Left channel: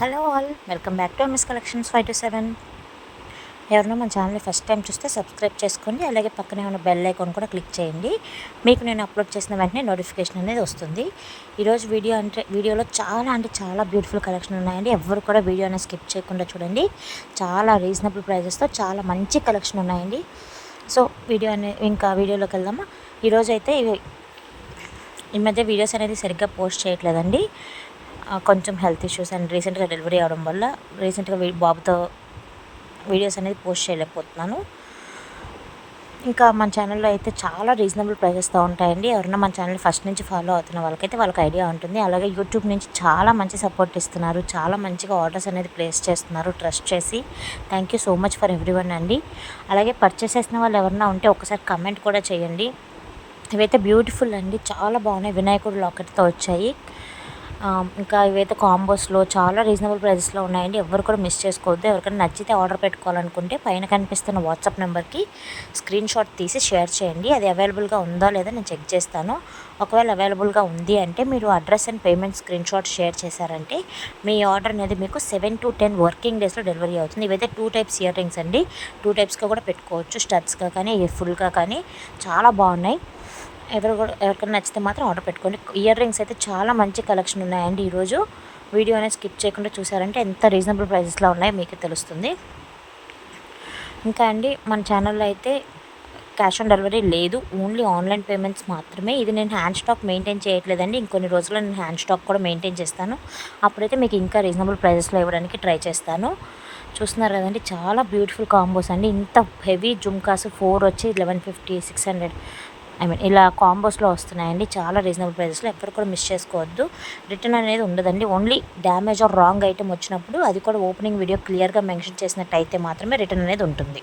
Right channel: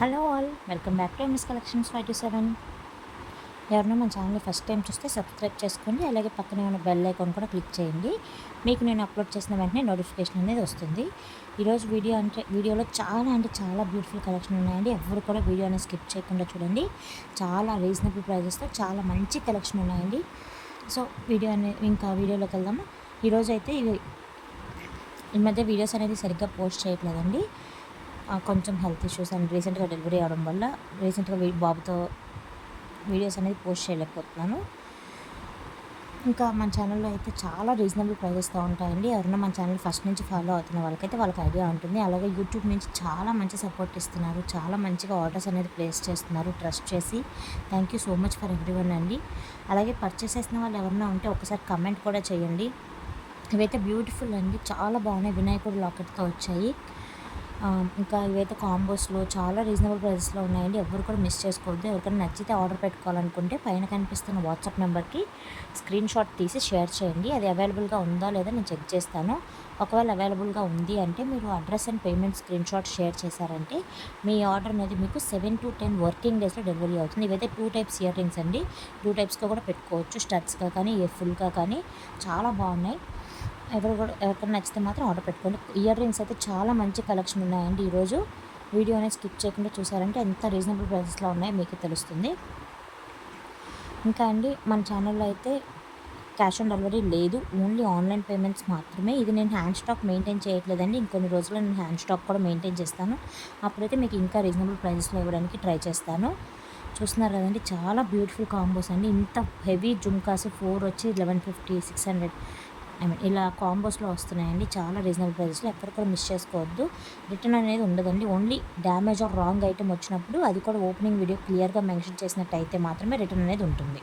Hello all, welcome back to miss collections 527. ఎవరైనా మన ఛానల్ని ఫస్ట్ టైం చూస్తే సబ్స్క్రైబ్ చేసుకోండి. అలాగే పక్కనే ఉన్న బెల్ ఐకాన్ కూడా క్లిక్ చేయండి. మీకు నేను అప్లోడ్ చేసిన వెంటనే నోటిఫికేషన్ అనేది వస్తుంది. ఈరోజు వీడియోలో చాలా బ్యూటిఫుల్ కలెక్షన్ ఉన్నాయండి. ఎవరు కూడా వీడియో అనేది స్కిప్ చేయకుండా చూడండి. చాలా రీజనబుల్ ప్రైజెస్తో చాలా మంచి కలెక్షన్ ఉన్నాయండి. సో వీడియోలోకి వెళ్దామా. ఈరోజు అయితే ఈ మధ్య వీడియోస్ అనేది సరిగ్గా పోస్ట్ చేయట్లేదండి. కొంచెం హెల్త్ ఇష్యూస్ అండ్ రీసెంట్గా డెలివరీ అవడం వల్ల రీసెంట్గా బాబుతో వీడియోస్ అనేది పోస్ట్ చేయలేకపోతున్నాను. ఇంకా మన ఛానల్లో అయితే చాలా రీజనబుల్ ప్రైజెస్తో ఉంటాయండి. ఎవరైనా మన ఛానల్ ఫస్ట్ నుంచి ఫాలో అవుతున్న వాళ్ళకి ఐడియా ఉంటుంది. అలాగే యూట్యూబ్ నుంచి చాలా మంచి సపోర్ట్ ఇస్తున్నారు. చాలా మంచిగా ఆర్డర్స్ అనేది ప్లేస్ చేస్తున్నారు ట్రస్ట్ చేసి. Thank you so much for everyone అండి. అలాగే పర్చేస్ చేసిన వాళ్ళు ఎవరైనా ఉంటే ఒకసారి కమెంట్ కూడా చేయండి. ఇవైతే బ్యూటిఫుల్ అండి, చాలా బాగున్నాయి. వినాయకుడు లాకెట్తో వచ్చాయి. ఇంకా ఇవైతే కాంబోస్లో చాలా రీజనబుల్ ప్రైజెస్లో ఉన్నాయండి. ఎవరు కూడా మిస్ చేసుకోవద్దు. ఎవరికైనా నచ్చితే ఆర్డర్ పెట్టుకోవాలనుకుంటే పైన కనిపిస్తున్న వాట్సాప్ నెంబర్కి స్క్రీన్ షాట్ తీసి షేర్ చేయండి. అది అవైలబుల్గా ఉందా లేదా నేను చెక్ చేస్తాను. ఒకవేళ అవైలబుల్గా ఉంది అంటే మీరు address and payment screen shot share చేశారంటే మీ ఆర్డర్ అనేది మీకు 7 to 10 వర్కింగ్ డేస్లో డెలివరీ అవుతుంది. ఇవైతే 2 టైప్స్ ఇయర్ రింగ్స్ అండి. 2 టైప్స్గా కూడా పెట్టుకోవచ్చు, స్టడ్స్గా కానీ ఫుల్గా కానీ. చాలా బాగున్నాయి. ఎవరికైనా నచ్చితే మాత్రం ఆర్డర్ పెట్టుకోండి. ఇయర్ రింగ్స్ అయితే చాలా మంచి కలెక్షన్ ఉన్నాయండి. ఈరోజు వీడియో అనేది స్కిప్ చేయకుండా చూసారంటే ఎంత రీజనబుల్ ప్రైజెస్లో ఉన్నాయో మీకే తెలుస్తుంది. ఇంకా అండి మన ఛానల్లో అయితే క్యాష్ ఆన్ డెలివరీ లేదు, ఓన్లీ ఆన్లైన్ పేమెంట్స్ మాత్రమే. ఇది నేను హ్యాండ్ స్టాక్ మెయింటైన్ చేయట్లేదండి. ఇంకొన్ని రోజుల్లో నేను హ్యాండ్ స్టాక్ కూడా మెయింటైన్ చేస్తాను. అప్పుడైతే మీకు ఇంకా రీజనబుల్ ప్రైజెస్లో ఇవ్వడానికి ట్రై చేస్తాను. చూస్తున్నారు కదండి, చాలా బ్యూటిఫుల్ కాంబోస్ అండి. ఇంత హెవీ జుమ్కాస్ 4 వచ్చి 1150, 600 ఇలా కాంబోస్లో వస్తున్నాయండి. చాలా రీజనబుల్ ప్రైజెస్లో. ఎవరు కూడా మిస్ చేసుకోవద్దు. రిటర్న్ అనేది ఉండదండి. Only damage are wrong item వచ్చినప్పుడు అది కూడా ఓపెనింగ్ వీడియో క్లియర్గా మెన్షన్ చేసినట్టు అయితే మాత్రమే రిటర్న్ అనేది ఉంటుంది.